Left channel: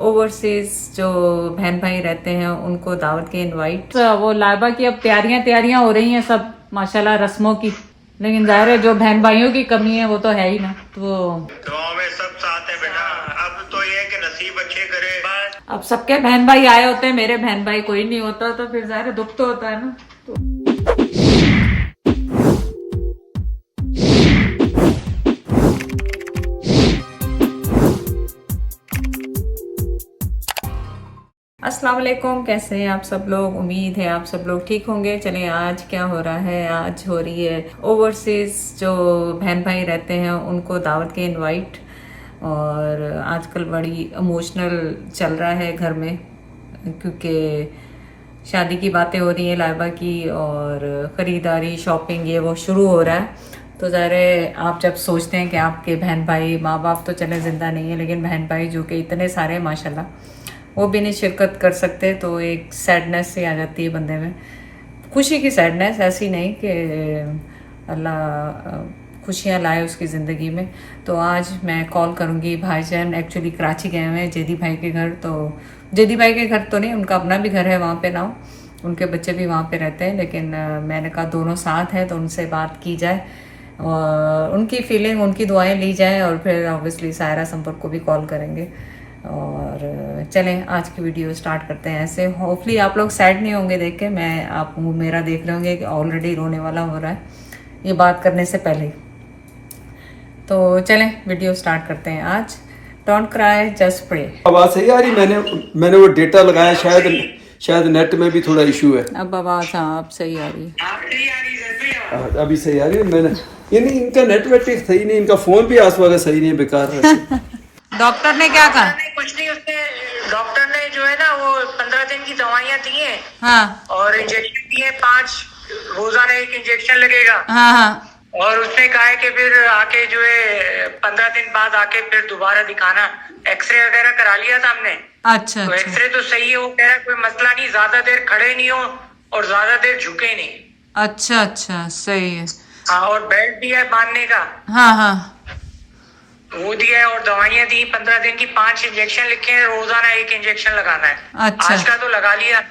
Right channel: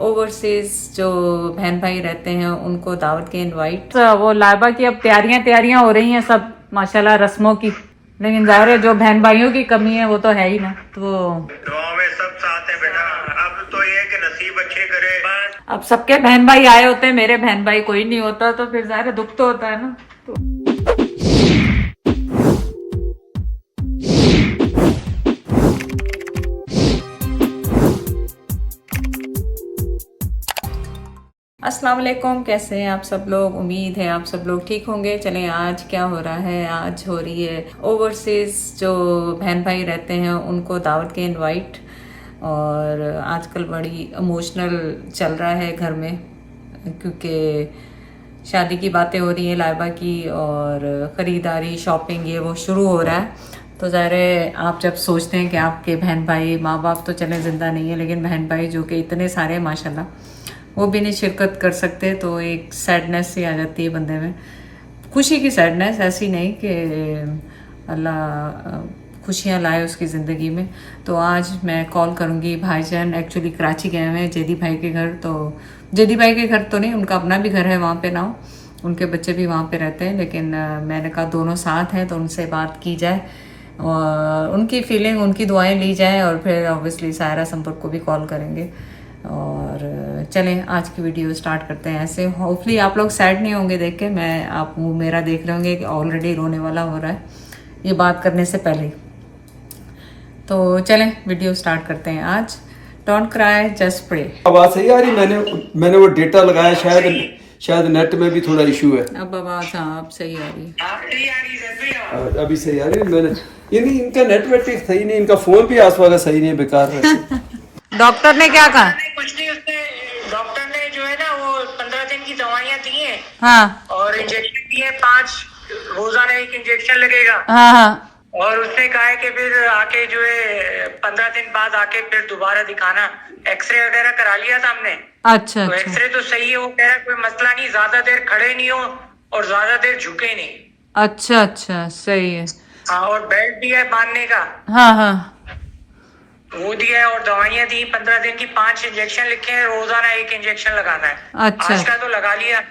Overseas जो बहन भाई रहते हैं उनको दावत के इनवाइट। वो लाइबा की अब तैयारियां हो रही हैं सब माशाल्लाह रस्मों की, लेकिन जाहिर है जो बहन भाइयों की कमी है वो तो है ही ना। तो गाँव में सब साथ है बेटा। अब तो ये कि नसीब अच्छे करे बस। अब सबके बहन भाई आए होते हैं, मेरे बहन भाई कोई नहीं होता तो फिर जाहिर है दुख तो होता है ना। तो अस्सलाम वालेकुम, कैसे हैं आप सब लोग। उम्मीद है आप सब लोग ठीक होंगे। चलें आज क्या हो रहा है, आज हो रही है ओवरसीज जो बहन भाई रहते हैं उनको दावत के इनवाइट। और आजकल बड़ी इमोशनल चल रहा है घर में, क्योंकि शादी की बातें हो रही है लाइबा की, और ख़रीदारी शॉपिंग ये वो शुरू हो रहा है। तो ज़ाहिर है आप जब सोचते हैं कि आपके बहन भाई, माँ बाप तो चले ज़िंदा नहीं है, लेकिन बहन भाई जो कि इतने सारे हैं माशाल्लाह, वो भी नहीं शिरकत कर सकते, तो एक सैडनेस सी आ जाती है बंदे में। खुशी की सैडनेस, ऐसी नहीं कि अल्लाह खुशियाँ लाए उसकी ज़िंदगी में। तो आज मैं कॉल करूँगी, भाईजान एक्चुअली कराची गए हुए हैं जेदी भाई के घर। तो जेदी भाई के घर तो नहीं, उनका अपना भी घर है वहाँ पे ना, उनके बच्चे भी वहाँ पे रहते हैं, लेकिन मैंने कहा दोनों साथ हैं तो उनसे बात की जाए और उनकी फीलिंग, उनकी दुआएं ली जाए, और फिर ऑब्वियसली सायरा संपर्क को भी कॉल करेंगे। और चलें आज की वीडियो स्टार्ट करते हैं। ऐसे होपफुली आप लोग सैड नहीं होंगे देख के, मैं आप मेरा देख रहे होंगे कि ऑलरेडी रोने वाला हो रहा है ये बात करने से पहले। तो चलें वीडियो स्टार्ट करते हैं आज। Don't cry just pray. आवाज सही आ रही? मैंने वो डेटा लगाया, शायद नेट में भी थोड़ा इशू है। अब आवाज हाँ अब सही आ रही है। अभी सही आ रही है। मैंने ये नहीं, इनका नेटवर्क सही नहीं, इनका फोन भी आस वाला सही नहीं है, बेकार है। डॉक्टर ने क्या कहा? कुछ नहीं, उसने डॉक्टर ने जो है ना वो 15 दिन की दवाइयाँ दी हैं। हाँ और इंजेक्शन दिए 5, रोजाना एक इंजेक्शन लगेगा। हाँ हाँ। और उसने कहा है कि फिर आके जो है 15 दिन बाद आके फिर दोबारा दिखाना। एक्सरे वगैरह करा लिया था हमने। अच्छा तो अच्छा एक्सरे तो सही है, वो कह रहा है कोई मसला नहीं, ज्यादा देर खड़े नहीं हो और ज्यादा देर झुके नहीं। अच्छा अच्छा सही है। हाँ, और बेल्ट दिया है बांधने का, हाँ हाँ वो दिया है, और दवाइयाँ दी 15 दिन की, 5 इंजेक्शन लिखे हैं, रोजाना एक इंजेक्शन लगाना है। अच्छा। आज का तो लगा लिया।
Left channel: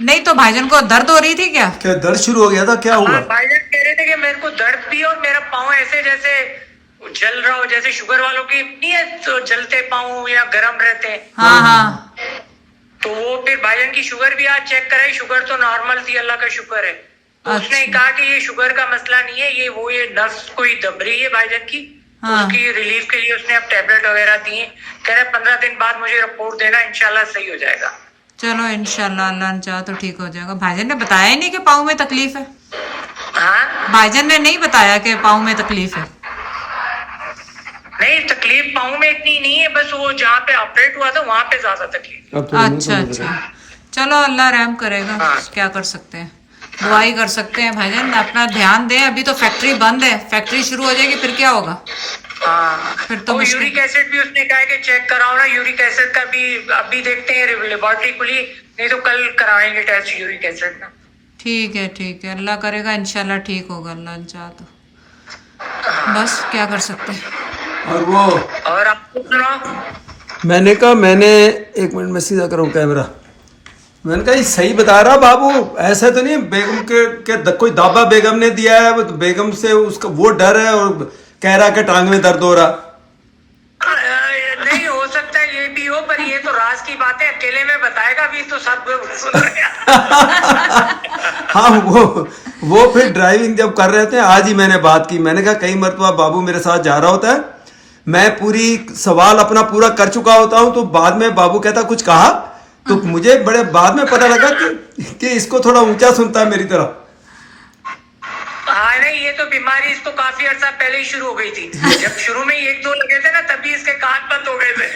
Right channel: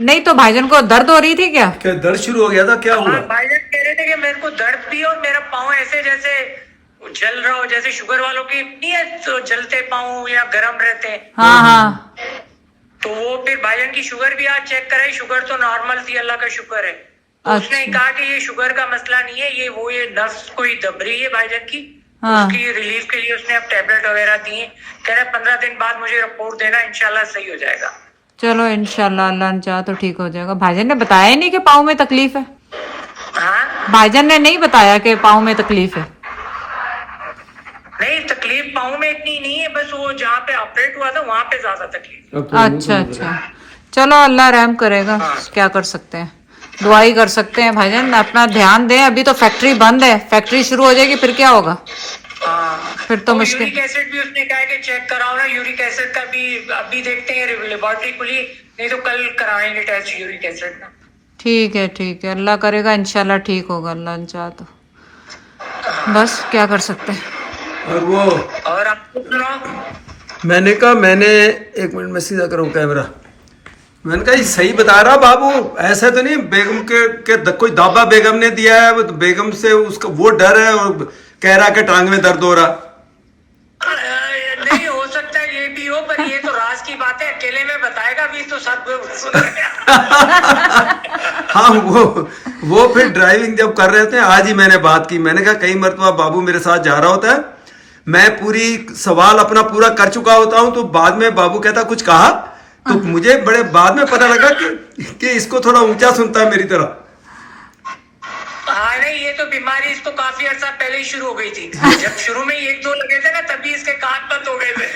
नहीं तो भाईजान को दर्द हो रही थी क्या? क्या दर्द शुरू हो गया था? क्या हुआ? हाँ, भाईजान कह रहे थे कि मेरे को दर्द भी और मेरा पाँव ऐसे जैसे जल रहा हो, जैसे शुगर वालों की नहीं है तो जलते पाँव या गर्म रहते हैं। हाँ हाँ। तो वो फिर भाईजान की शुगर भी आज चेक कराई, शुगर तो नॉर्मल थी, अल्लाह का शुक्र है। तो उसने अच्छा। कहा कि ये शुगर का मसला नहीं है, ये नस कोई दब रही है भाईजान की। हाँ। उसकी रिलीफ के लिए उसने अब टैबलेट वगैरह दी है। कह रहे 15 दिन बाद मुझे रिपोर्ट देना, इंशाल्लाह सही हो जाएगा। चलो इंशाल्लाह, अल्लाह ने चाहा तो ठीक हो जाएगा। भाईजान ने बताया ही नहीं कि पाँव में तकलीफ है? हाँ, भाईजान ने नहीं बताया कि पाँव में तकलीफ है? नहीं तकलीफ पाँव में इतनी नहीं है, बस वो जहाँ पे ऑपरेट हुआ था वहाँ पे ज्यादा तकलीफ। अच्छा अच्छा, चलो अल्लाह रहम करेगा। हाँ। क्या कर सकते हैं, दुआई कर सकते हैं। भाईजान अपना ध्यान दें, अभी तो फैक्ट्री बंद है, फैक्ट्री शुरू हो जाएगी फिर क्या होगा? हाँ, फिर तो मुश्किल। यूरिक एसिड भी उसने कहा है कि चेक कराओ ना, यूरिक एसिड का भी अभी देखते हैं, लेबोरेटरी खुली नहीं तो कल कराएंगे टेस्ट यूरिक एसिड का। ठीक है, अल्लाह करेगा इंशाल्लाह ठीक होगा, अल्लाह ने चाहा तो। बस क्या कर सकते हैं। और वो और आपको सुनाओ। मैंने कहा, मैंने एक मिनट में सीधा करूँ कैमरा। मैंने कहा ये सही बता रहा बाबू, ऐसा तो नहीं बेगम के कोई दाबा बेगम ने दिया है, वो बेगम से उसका वो डर है और कह रहा कि टांग में दर्द हो रहा। नहीं हो सकता है ये भी हो, पर ये तो राज की बात है, अकेले में बताएगा भी तो सब सुन रहे हैं। हाँ, वो फिर ड्राइविंग जब कर रहे थे, आज ही मैंने बात की। मैंने कहा कई मरतबा बाबू मेरे साथ जा रहा होता है, मैं पूरी सवाल अपना पूरा कर चुका होता हूँ, तो बाद में बाबू कहता कुछ कहा, तो मुझे बड़े बाद में पता लगा कि इसको थोड़ा ऊंचा सुनता है मेरी तरह। हाँ नहीं, ये तो बीमारी इसको काफी अर्सा पहले ही शुरू हो गई थी। जब शुरू में 1-2 लगे थे ना, तभी इसके कान बंद हो गए थे।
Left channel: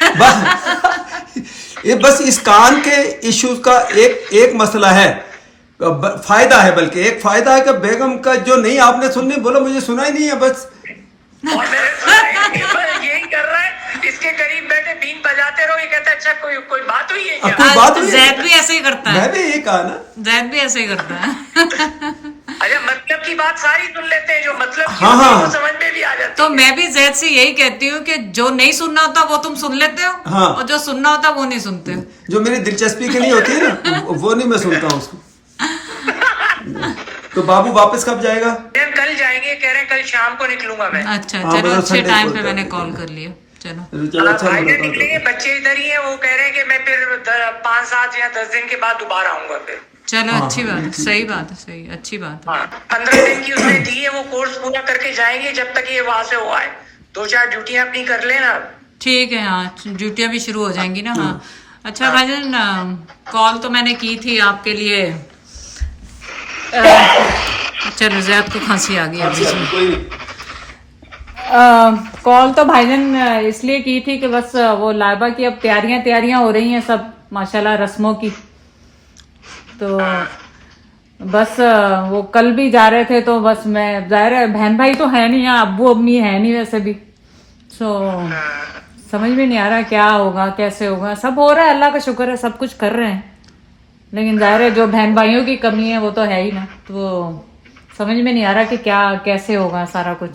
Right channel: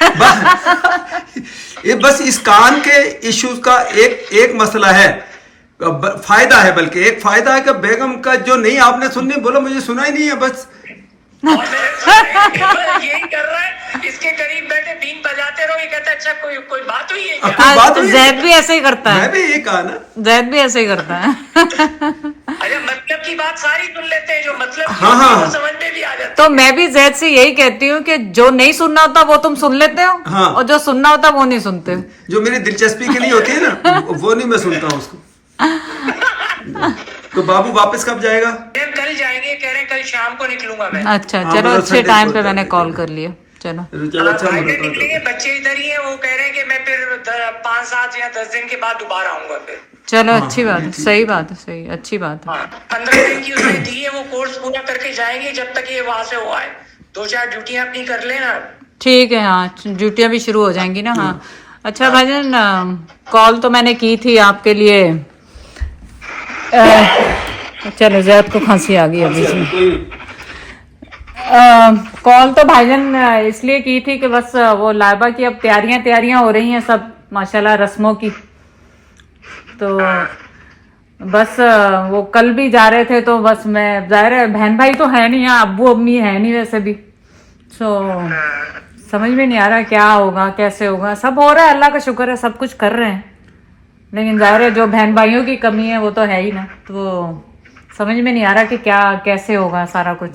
ये बस इस कान के इश्यूज का एक मसला है, फायदा है, बल्कि एक फायदा है कि बेगम का जो नहीं आपने सुननी, बोलो मुझे सुना ही नहीं है बस। और यही कर रहा है, इसके करीब बैठे बीन बजाते रहो, ये कहता है अच्छा कोई बात हुई है क्या? कोई बात हुई है? जैद भी ऐसे ही करता है। मैं भी यही कहा ना, जैद भी ऐसे ही करता है। अच्छा, मतलब की बात सारी सुन लेते हैं, जो मतलब की हाँ, होती है हाँ। वो समझ में भी आ जाती तो मैं भी जैद से यही कहती हूँ कि जो नहीं सुनना होता वो तुम सुन लेते हो, हाँ। और जो सुनना होता वो नहीं सुनते हो। जो मेरी दिलचस्पी की नहीं होती है ना, वो नहीं मैं सुनता हूँ उसको। तो बाबू वापस कब जाएगा? है। कल जाएंगे, कह रहे हैं कल शाम को निकलूंगा मैं। अच्छा हाँ, चलो, मतलब अच्छे संडे टाइम को पे मैंने जाएंगे। कॉल कर लिया। चलो चलो, अच्छा भाई लगा। निकलेंगे, बच्चे इधर ही है, वो कह रहे हैं कि मैं फिर 5-7 या 10 दिन के बाद दोबारा आऊंगा फिर। चलो, हाँ, अच्छी हाँ, बात है, ठीक सही है। बात है, सही, अच्छी बात है। हाँ 15 दिन की उसने दी है, वो कोर्स पूरा करके जाएंगे जब तक ये वहां से हुआ है। 2-4 ड्यूटियां अपनी कर लेना। ठीक है, हाँ ड्यूटियां भी शुरू हो जाएंगी ना। हाँ अच्छा भाईजान, कॉल तो मैंने की थी आपके लिए। चलो, जैद को खांसी आ गई अभी से। कॉल तो भाईजान इसलिए की थी कि बस वो लाइबा की अब तैयारियां हो रही हैं सब माशाल्लाह रस्मों की। तो बस वो कल भी जा रहे थे, तो बस मैं, जाहिर है बहन भाई तो है नहीं यहाँ, अब्बू अम्मी है नहीं वैसे भी। तो समझ में नहीं आ रहा क्या होगा कैसे होगा। सब हो रहा है, अल्लाह का शुक्र है, सब कुछ कर रहे हैं, लेकिन जाहिर है जो बहन भाइयों की कमी है वो तो है ही ना। तो समझ में नहीं आ रहा कि क्या कैसे होगा सारा कुछ।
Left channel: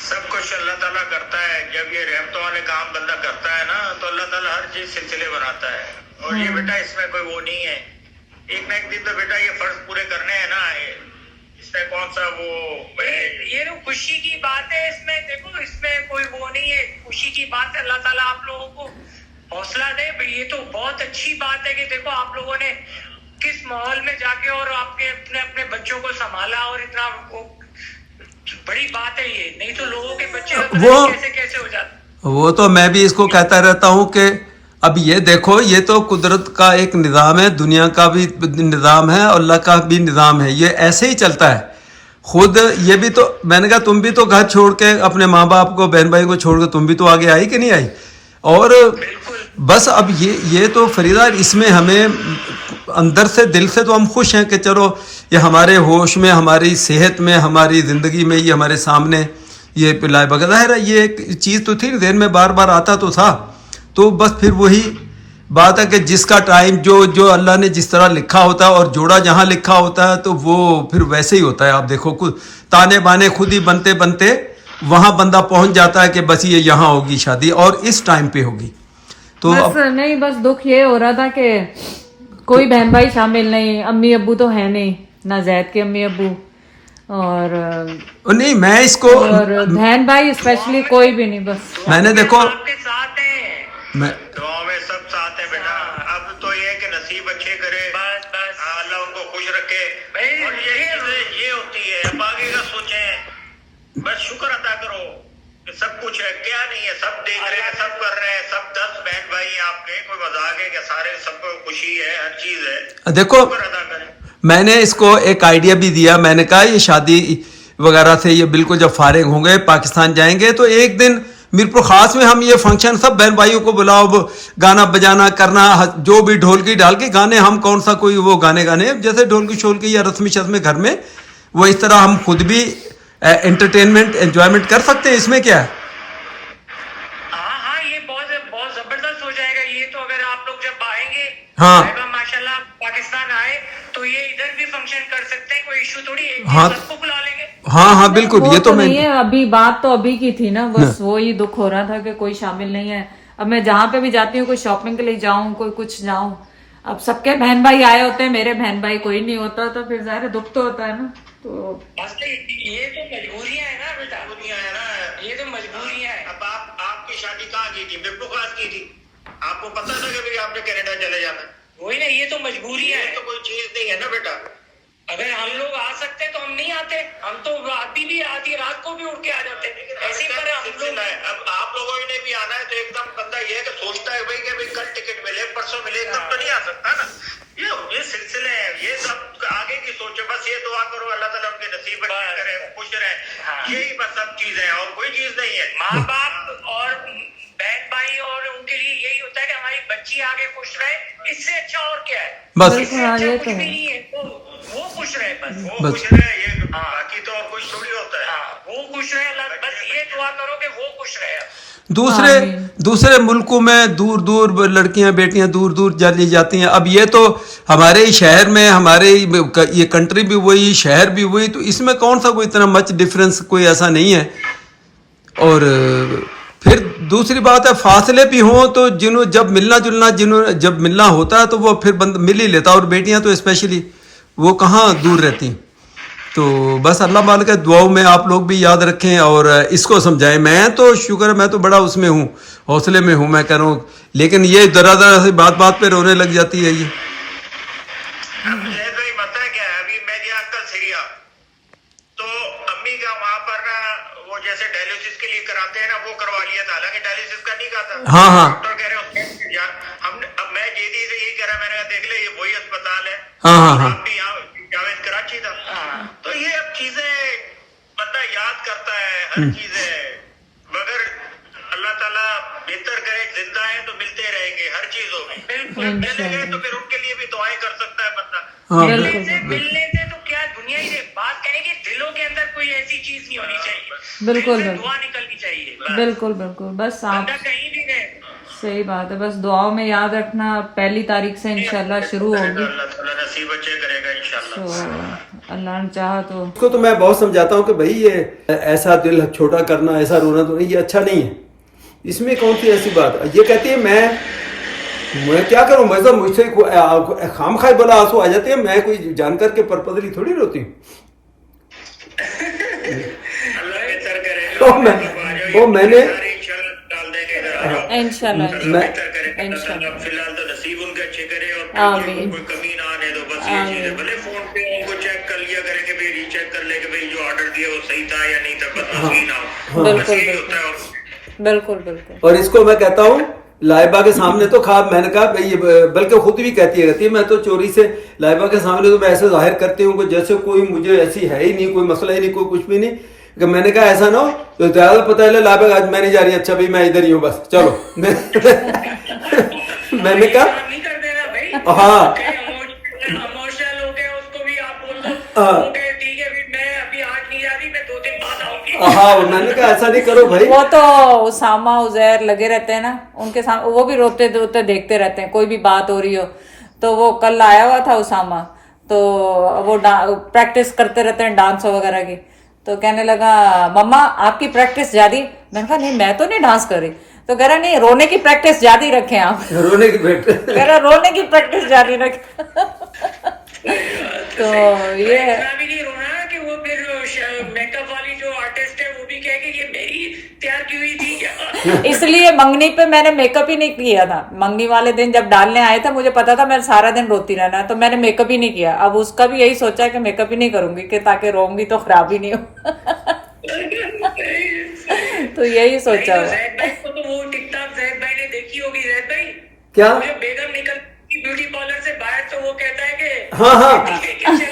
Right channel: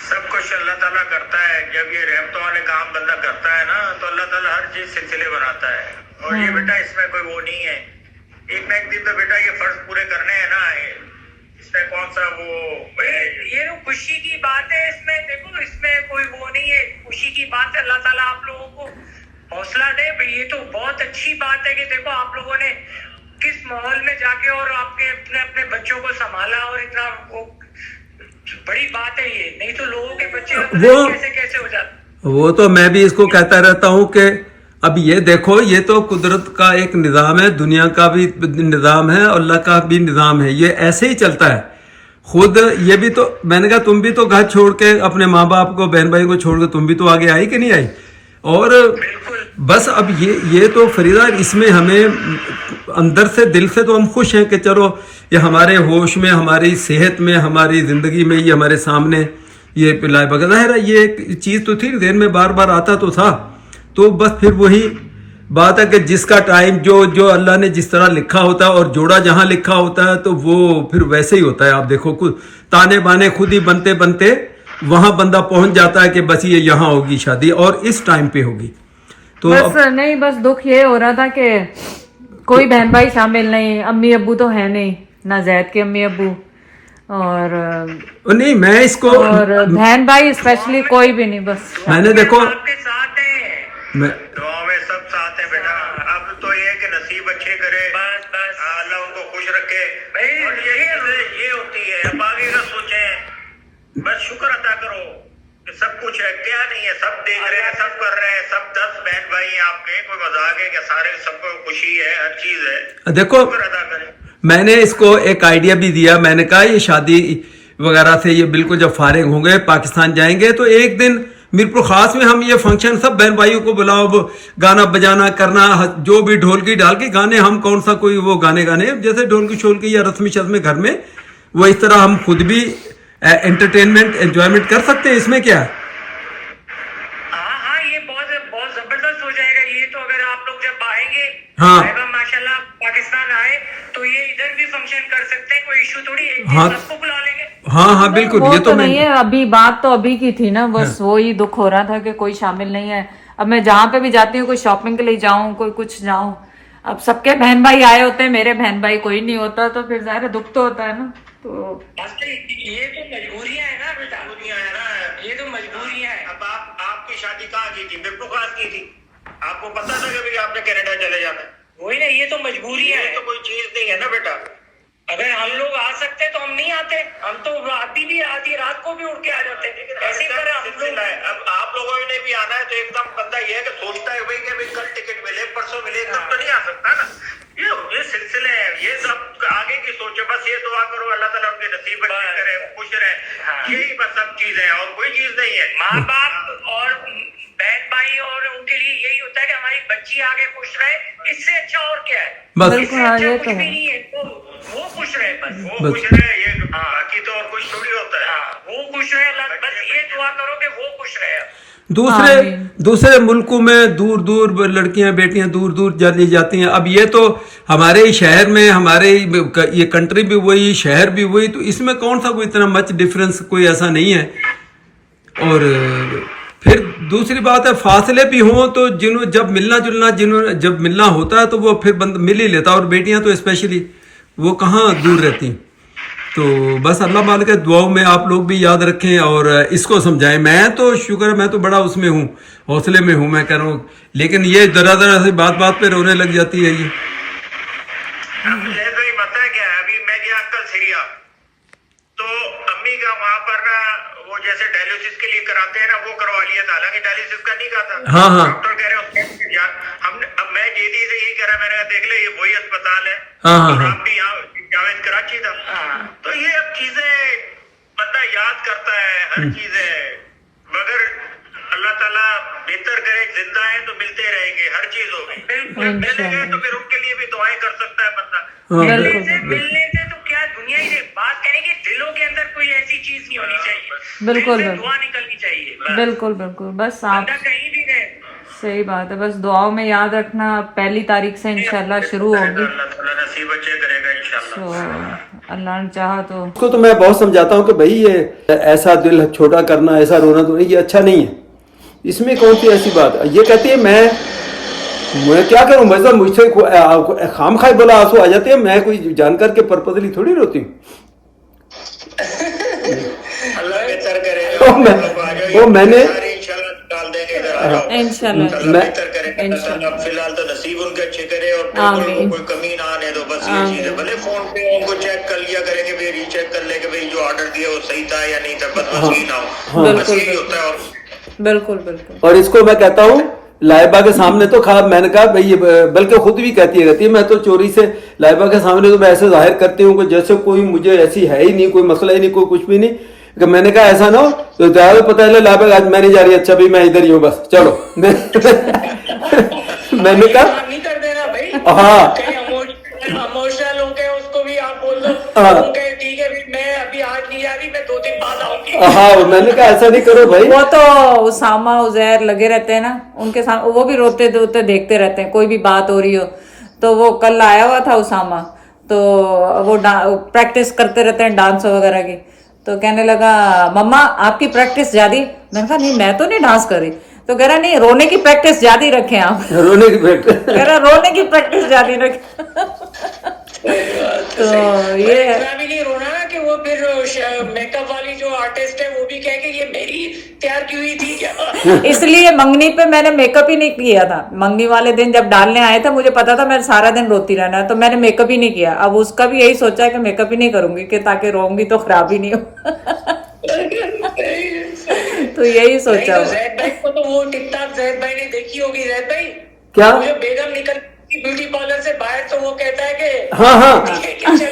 सब कुछ अल्लाह ताला करता है। जब ये रहमतों वाले काम बंदा करता है ना, तो अल्लाह ताला हर चीज सिलसिले बनाता है। और ये बेटा इसमें कोई वो नहीं है, एक ना एक दिन तो बेटा ये फर्ज पूरे करने हैं ना, इसमें कौन सा वो ये तो खुशी की बात है इसमें। देखो इसमें कोई वो नहीं है, खुशी की बात है। अल्लाह ताला आप लोगों को हौसला दे। ये तो बहुत अच्छी बात है कि देखो आप लोगों ने किस माहौल में जाके और आपके अपने अपने बच्चों को संभाला, और इतना वो बड़ी बात है ये। नहीं तो लोगों के बच्चे वो- कैसे कैसे हो जाते। वो तो मैं भी इसको कहता रहता हूँ कि अब ये देखो, ये तो कुदरत का एक निज़ाम है, दुनिया का भी निज़ाम है, अल्लाह का भी निज़ाम है, ये ऐसे ही चलता है। खुद ये भी तो, मैंने कहा तुम भी तो घर छोड़ के अपने माँ बाप को, बहन भाई को छोड़ के तुम भी तो आगे आई कि नहीं आई। और बस अब ये तो फरीदा, इसमें हमें अंदर से दिल से तो हम खुश हैं कि चलो ये हमारे होश में, हमारी सेहत में, हमारी ज़िंदगी में ये हमारे सामने ये पिलाए बगैर है। ये एक चीज़ तो थी जहन में, बार बार आता तो था। तो बस फिर वही बात है कि जिसका टाइम जो अल्लाह ने जिस तरह लिखा होता है और जोड़ा जहाँ लिखा होता है, तो वो फिर वैसे ही होता है। आप देखो कुछ ताने बाने खुद ही बनते बनते वहाँ बंदा पहुँच जाता है कि बस ये यहाँ होगी शादी और इस टाइम पे होगी। तो बस नहीं, बस दुख ये हो रहा था कि कोई बहन भाई शामिल नहीं, अम्मी अब्बू तो है नहीं ना, जैद के अम्मी अब्बू, और नहीं मैं इसको बहन भाई स्पेशली कोई भी नहीं। बस मैंने देखो, आपके साथ है। मैं दुआओं में सब साथ है बेटा। अब तो ये है कि नसीब अच्छे करे, बस बस अल्लाह उनको खुश रखे। भाई, और यही ये होती है। अब आगे का सोचें, बस शुक्र अदा करो कि सब कुछ है, क्या नहीं है, सब देख रहे हैं, सब कर रहे हैं, सब 10 बहन भाई हैं आपके, कोई मजाक है कि सारे सबको खुशी है, हर चीज है, देखो शुक्र अदा करें। मैंने इसको एक आइडिया भी दिया। मैंने कहा ये शादी वगैरह से ये बिल्कुल जब फारिग होंगे, पाकिस्तान जाएंगे, तो एक दिन मीरपुर खास में हम ये फंक्शन सब बहन भाइयों को बुलाओ, गाना बजाना करना, जो भी ढोलकी डाल के गाने, हम कौन सा कोई वो गाने जैसे ढोलकी शोलकी या रस्मी शस्मी घर में, वो इस तरह हम खुद भी एंटरटेनमेंट एंजॉयमेंट कर सकते हैं। इसमें क्या है? हाँ हाँ, ये बहुत बहुत जबरदस्त हो जाएगा ये तो। अगर आप लोग जब आएंगे, हाँ। माशाल्लाह पाकिस्तान आए, तो ये इधर भी फंक्शन कर सकते हैं, कोई इशू थोड़ी है। हाँ। सबको बुला लेंगे। हाँ हाँ बिल्कुल, वो ये तो मैं नहीं है, अभी बात तो अभी की थी ना, बस वही दुख हो रहा था कि कोई शामिल नहीं है। अब मैं जहाँ पे भी जाती हूँ, कोई शॉपिंग के लिए जाऊँ, कोई कुछ जाऊँ, अब सबके बहन भाई आए होते हैं, मेरे बहन भाई कोई नहीं होता, तो फिर जाहिर है दुख तो होता है ना। तो ये तो मजबूरियां है ना बेटा, मजबूरियां है ना, ये तो मजबूरियां है। अब आपकी शादी कहाँ की थी? मीरपुर खास की थी। आपको पता था कि भाई आपने कनाडा चले जाना है। वही ना, ये तो मजबूरियां ये है। तो कोई चीज नहीं है ना बेटा। अगर हम लोग आ सकते तो हम नहीं आते, हम तो आधी रात को भी उठ के आ जाते। ऐसे पर हम लोग अब आप लोगों ने भी आना है, तो एकदम बंदा ये है कि सोचता है भाई कि भाई कल टिकट मिले, परसों मिले, तब तो नहीं आ सकता ना। ये सिलसिले हैं, ये सब आगे की सोचो। बस ये दुआ करो अल्लाह ताला उनके नसीब अच्छे करे, खुश रहे, यही बस सब चीज है, और कोई चीज नहीं है। माँ बाप और बहन भाई और उनके लिए यही होता है कि हमारी बच्ची आगे खुश रहे, इससे अच्छा और क्या है। बस इससे हाँ, अच्छा ये कुछ तो भी है। नहीं है। वो खुश रहे बस। वो खुश रहे, ये बाकी तो और कुछ थोड़ी होता है। हाँ, वो खुश रहे अल्लाह, बस ये दुआ करो कि वो खुश रहे। दूसरे आमीन। दूसरे मुल्कों में दूर दूर लड़कियां बेटियां दूर दूर चली जाती हैं। अब ये तो हमारे ही शहर में, हमारे ये कंट्री भी वही, शहर भी वही, तो इसमें कौन सा कोई इतना मच डिफरेंस कोई ऐसा नहीं है। और फिर दूसरी बात है, फासले भी हों तो जिन्हों जब मिलना जुलना जिन्हों जब मिलना होता है तो वो फिर बंद मिल ही लेता, और बेटियां तो स्पेशली वो कहाँ दूर रहती हैं। तो बस अल्लाह मालिक के दुआओं में आप लोग भी याद रखें और इसको समझाएं। मैं तो शुक्र है, मैं तो बड़ा उसमें हूँ, हौसले में हूँ, मैं कह रहा हूँ, लेकिन ये जरा जरा सी बात बात पे रोने लग जाती है ये। जैसे ही पता है क्या है, अभी मैं गया कल सीरिया, तो अम्मी का वहां पर ना वो जैसे डायलिसिस के लिए कराते हैं ना, वो करवा लिया था, हालांकि डायलिसिस का नहीं कहा था। हाँ, हाँ। डॉक्टर कह रहे हो हमने, अब मैं जेदी से यही करा, मैंने कहा देख ले ये वही अस्पताल है। हाँ, हाँ, हाँ। आप भी यहाँ जावेद कराची था। तो ये अब चीजें बंदा याद करता है, हर चीज है, मगर अल्लाह ताला बेहतर करे, जिंदा है तो मिलते रहेंगे हर चीजों में। बिल्कुल मिले गए तो फिर उनके लिए भी दुआएं कर सकता है बंदा। हाँ, मिलने से तो क्या दुनिया की बात कहेगी, दिलों के अंदर कोई ऐसी चीज नहीं होनी चाहिए, बिल्कुल, दिल से बिल्कुल। दुआ निकलनी चाहिए बस। बिल्कुल बिल्कुल, बस आप बंदा कहीं भी गए सही बात है, बस दुआओं में याद रखना। 1 तारीख से इंशाल्लाह शुरू होगी, अल्लाह ताला नसीब अच्छे करेगा इंशाल्लाह। तो अल्लाह ने चाहा तो। उसको तो मैं बहुत समझाता हूँ कि भाई ये ऐसा दिल छोटा करना, ऐसा रोना तो ये अच्छा नहीं है, इसमें कौन सी ऐसी बात। ये कहती है मैं क्या करूं, मतलब मुझसे खाम खाई बोला आंसू आ जाते हैं, मैं कोई जानकर के पर्पजली थोड़ी रोती हूँ। अल्लाह बेहतर करेगा। वो मैंने इंशाल्लाह डाल देंगे इधर आ जाओ। इंशाल्लाह अल्लाह मैं- बेहतर करेगा। इंशाल्लाह। अल्लाह फिलहाल तो नसीब उनके अच्छे करे और आमीन। बिल्कुल कोई कमी ना आने दो, बस ये चीज है। भले फोन पे उनको चेक कर लिया करेंगे, भाई रीचेक कर ले कि भाई जो ऑर्डर दिया वो सही था या नहीं था, बस ये ना हो। बिल्कुल, बस यही होता है। और बिल्कुल बिल्कुल। और इसको मैं कहता हूँ लाइबा के सामने तो खा, मैंने कहा भाई ये बल्कि खुद भी कहती है मैं तो चोरी से लाइबा के सामने तो मैं ऐसे जाहिर करती हूँ कि जैसे कोई मुझे ऐसी है ही नहीं, कोई मसला ही नहीं, कोई कुछ भी नहीं। कि मैंने कहा ऐसा ना हो तो ज्यादा पता है लाइबा आज मैं नहीं जा रही, अच्छा भी मैं इधर ही हूँ, बस चलो। मैंने कहा नहीं कर देना भाई। हाँ। इमोशनल हो गए उसको भी आप बोल दो, हाँ। ठीक है मैं अभी आज नहीं आ रही, मैं 2 दिन बाद आऊंगी। हाँ, मैंने कहा ऐसा नहीं करो भाई। वो तो उसामा उजैर लगे रहते हैं ना उनके सामने, वो भी रोते रोते देखते रहते हैं, कोई भी बात हो रही हो तो। वो कल आया हुआ था उसामा, तो वो प्रैक्टिस करते रहते हैं डांस वगैरह की, तो कहने लगा मम्मा आपकी प्रैक्टिस जारी। मैंने कहा नहीं मैं तो नहीं डांस कर रही, तो कह रहा नहीं रोने की प्रैक्टिस जारी रखें आप। रोने की बेटे कह रहा रोने की प्रैक्टिस जारी रखें। तो ये इतना भी नहीं रोना कि वो फिर मेकअप वाली जो आर्टिस्ट है वो भी कहे कि ये मेरी तैयार की हुई थी क्या। इसलिए मंगनी पे मैंने मेकअप ही नहीं किया था। मंगनी वाले दिन जब डालने आए थे मुझे पता था मैं सारा दिन रोती रहना है, तो मैंने मेकअप ही नहीं किया। अब उसका भी यही सोचा है कि मेकअप ही नहीं करूंगी कि ताकि रोऊंगी तो खराब ही नहीं हो। तो यही सोचा नहीं, तो हुआ। जैद भाई को तो वो टिकटॉक जैद भाई ने देखी होगी। जैद भाई क्या? वो जो बेगम निकल ब्यूटी पार्लर से बाहर, तो वो कहता है कि हाँ, हाँ। चले